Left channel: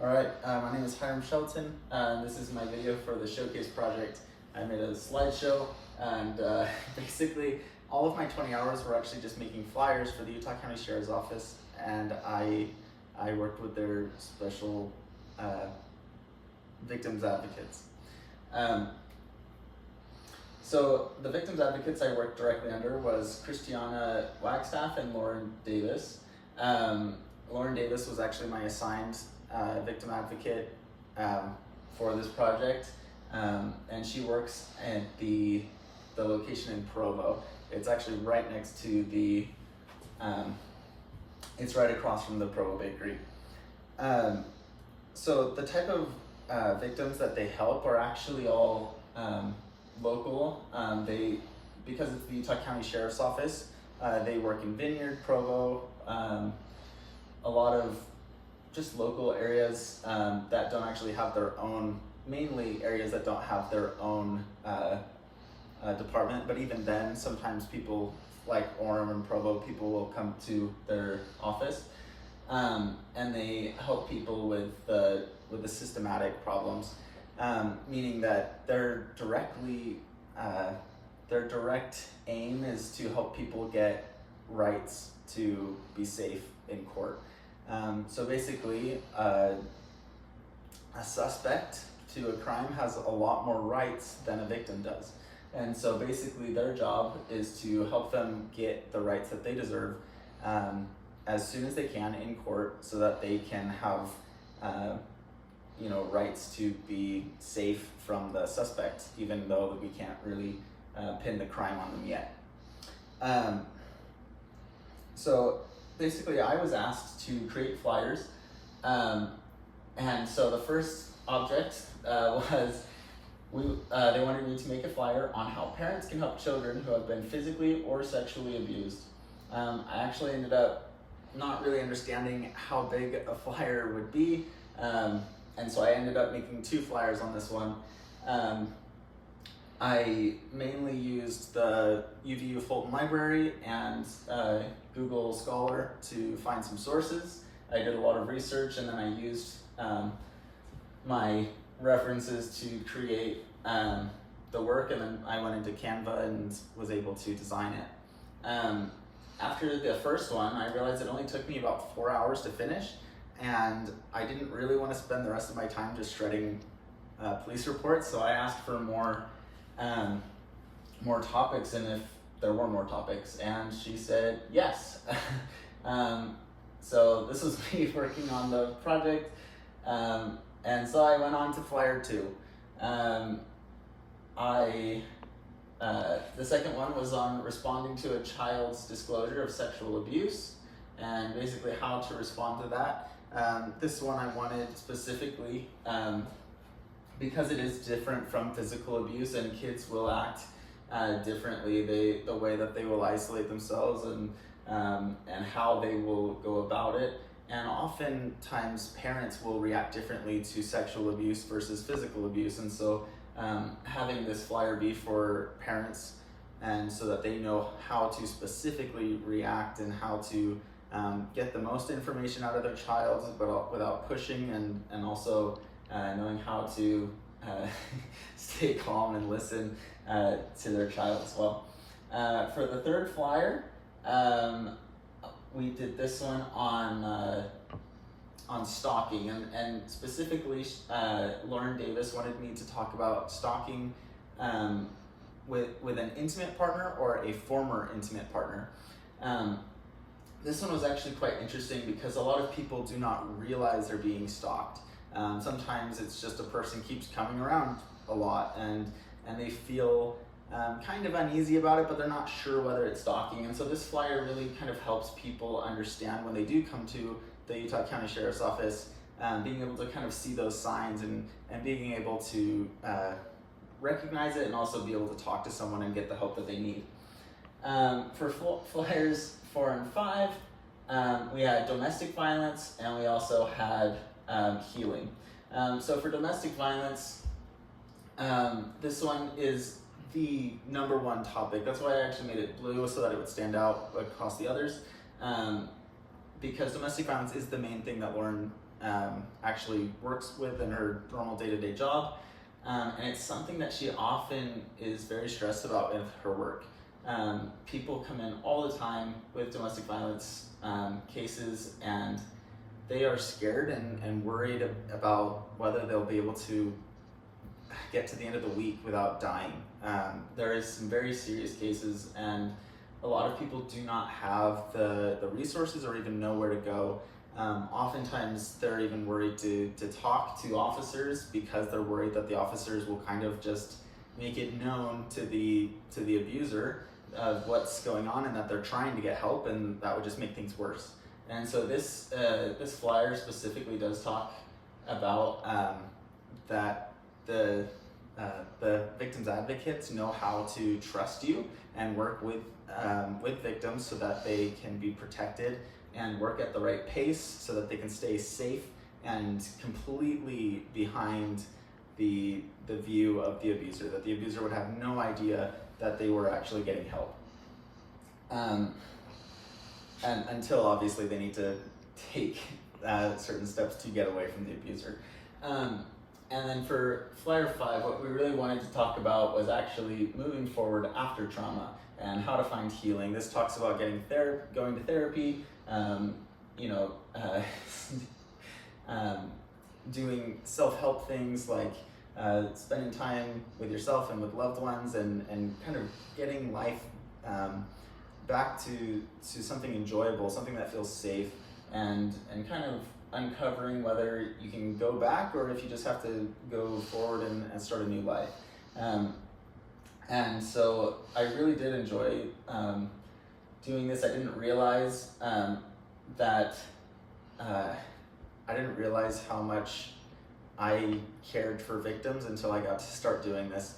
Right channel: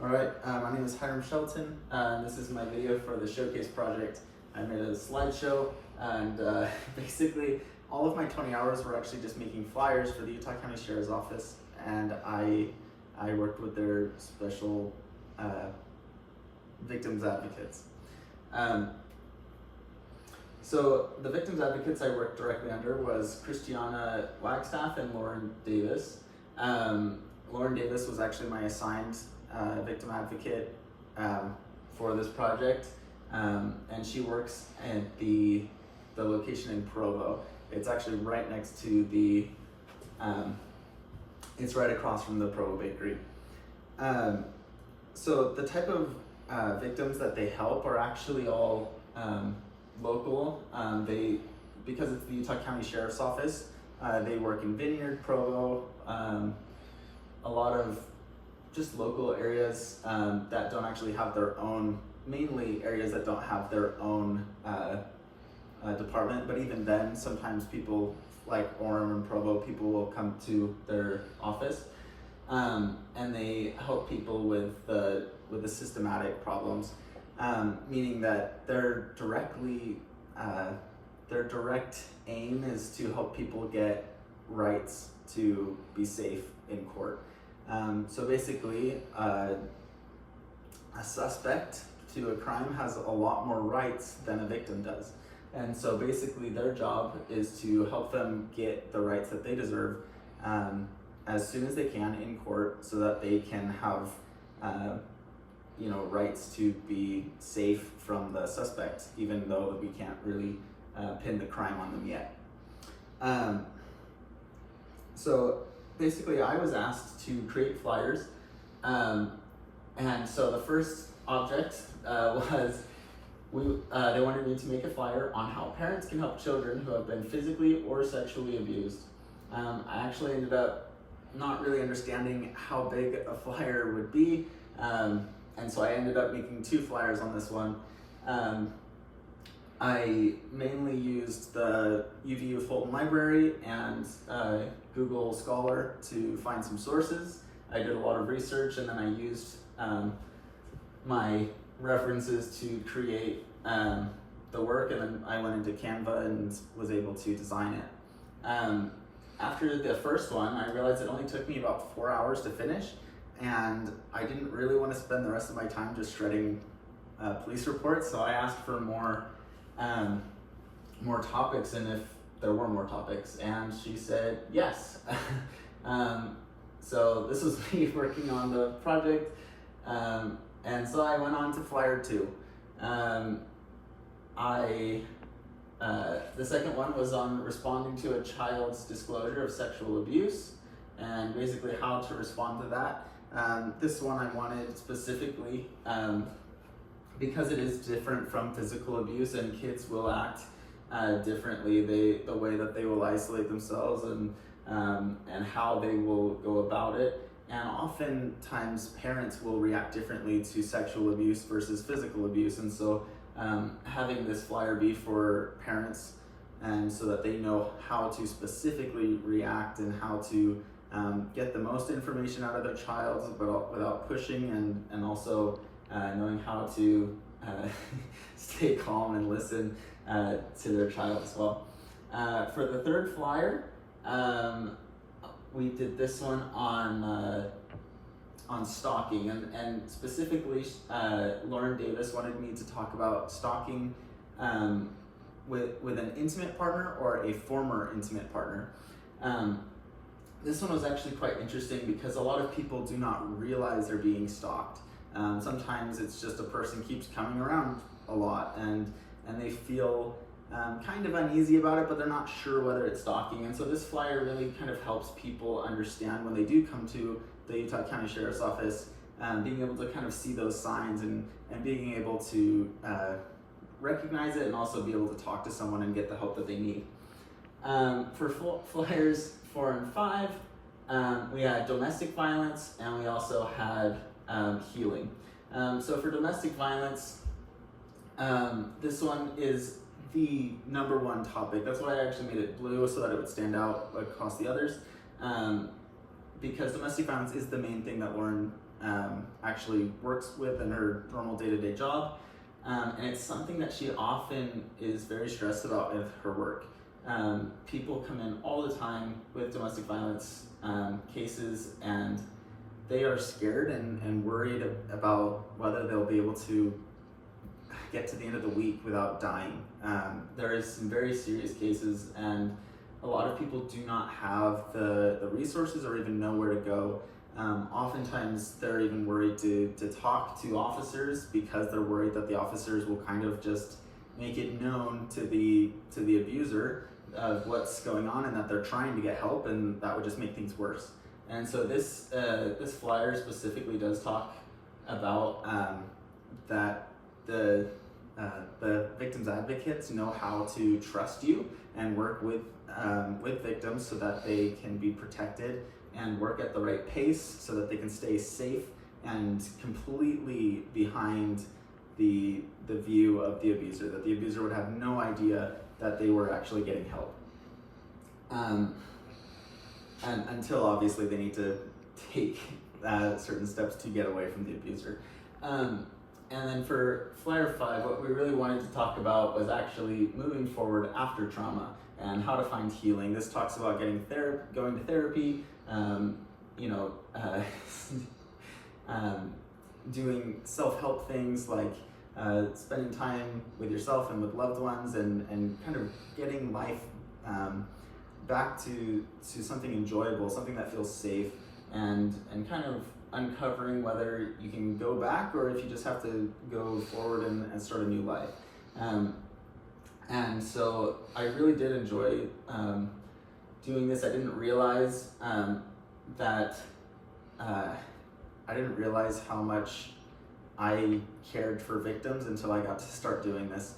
All right, my name is Hiram Shelton. This is my video for the showcase project. I made a slideshow, and basically all of my 20 hours were actually just making flyers for the Utah County Sheriff's Office, and I worked with their special victims advocates. So the victims advocates I worked directly under was Christiana Wagstaff and Lauren Davis. Lauren Davis was actually my assigned victim advocate for this project, and she works at the location in Provo. It's actually right next to the, it's right across from the Provo Bakery. So the type of victims that they help are actually all local. Because it's the Utah County Sheriff's Office, they work in Vineyard, Provo, a lot of just local areas that don't actually have their own, mainly areas that don't have their own department, but even then, sometimes people like Orem and Provo, people will come to their office, and they help people with the systematic problems, meaning that their direct aim is to help people get rights to be safe in court. So basically, a suspect to a crime has a lot more rights than a victim does. And so basically their job is to help them get the rights that they deserve as soon as they can in court, so that they can have rights to be safe from the suspect, even though we can't really pin the crime on them yet. So basically I was asked to create flyers, and so the first object was they wanted me to make a flyer on how parents can help children who have been physically or sexually abused. I actually ended up not really understanding how big a flyer would be, and so I ended up making 2 flyers on this one. I mainly used the UVU Fulton Library and Google Scholar to find some sources. I did a lot of research, and then I used my references to create the work, and then I went into Canva and was able to design it. After the first one, I realized it only took me about 4 hours to finish, and I didn't really want to spend the rest of my time just shredding police reports, so I asked for more topics, and if there were more topics, and she said yes. So this was me working on the project, and so I went on to flyer 2. The second one was on responding to a child's disclosure of sexual abuse, and basically how to respond to that. This one I wanted specifically because it is different from physical abuse, and kids will act differently. The way that they will isolate themselves and how they will go about it. And oftentimes parents will react differently to sexual abuse versus physical abuse. And so having this flyer be for parents, and so that they know how to specifically react and how to get the most information out of their child, but without pushing, and also knowing how to stay calm and listen to their child as well. For the third flyer, we did this one on stalking, and specifically Lauren Davis wanted me to talk about stalking with an intimate partner or a former intimate partner. This one was actually quite interesting because a lot of people do not realize they're being stalked. Sometimes it's just a person keeps coming around a lot, and they feel kind of uneasy about it, but they're not sure whether it's stalking. And so this flyer really kind of helps people understand when they do come to the Utah County Sheriff's Office, being able to kind of see those signs and being able to recognize it, and also be able to talk to someone and get the help that they need. For flyers 4 and 5, we had domestic violence, and we also had healing. So for domestic violence, this one is the #1 topic. That's why I actually made it blue, so that it would stand out across the others, because domestic violence is the main thing that Lauren actually works with in her normal day-to-day job. And it's something that she often is very stressed about with her work. People come in all the time with domestic violence cases, and they are scared and worried about whether they'll be able to get to the end of the week without dying. There is some very serious cases, and a lot of people do not have the resources or even know where to go. Oftentimes they're even worried to talk to officers because they're worried that the officers will kind of just make it known to the abuser of what's going on and that they're trying to get help, and that would just make things worse. And so this flyer specifically does talk about that the victims advocates know how to trust you and work with victims so that they can be protected and work at the right pace so that they can stay safe and completely behind the view of the abuser, that the abuser would have no idea that they were actually getting help. And until obviously they need to take certain steps to get away from the abuser. And then for Flyer 5, what we really wanted to talk about was actually moving forward after trauma and how to find healing. This talks about going to therapy, doing self-help things like spending time with yourself and with loved ones, and kind of getting life back to something enjoyable, something that feels safe, and kind of uncovering whether you can go back or if you just have to go forward and start a new life. And so I really did enjoy doing this. I didn't realize I didn't realize how much I cared for victims until I got to start doing this.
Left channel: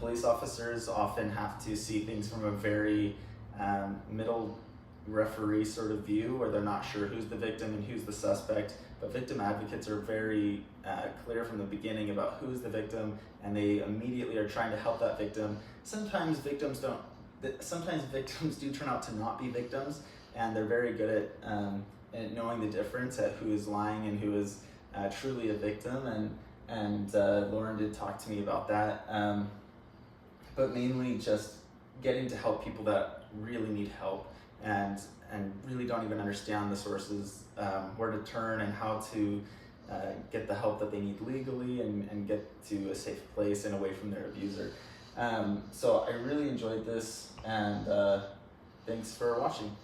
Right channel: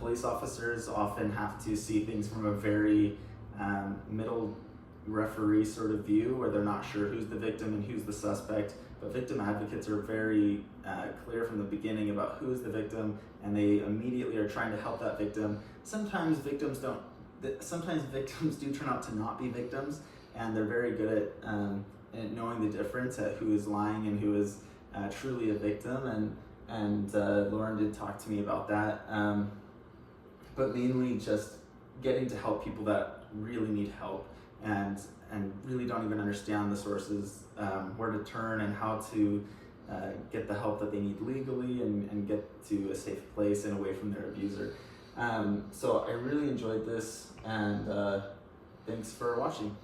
Police officers often have to see things from a very middle referee sort of view, where they're not sure who's the victim and who's the suspect, but victim advocates are very clear from the beginning about who's the victim, and they immediately are trying to help that victim. Sometimes victims do turn out to not be victims, and they're very good at knowing the difference at who is lying and who is truly a victim, and Lauren did talk to me about that, but mainly just getting to help people that really need help and really don't even understand the sources, where to turn and how to get the help that they need legally and get to a safe place and away from their abuser. So I really enjoyed this, and thanks for watching.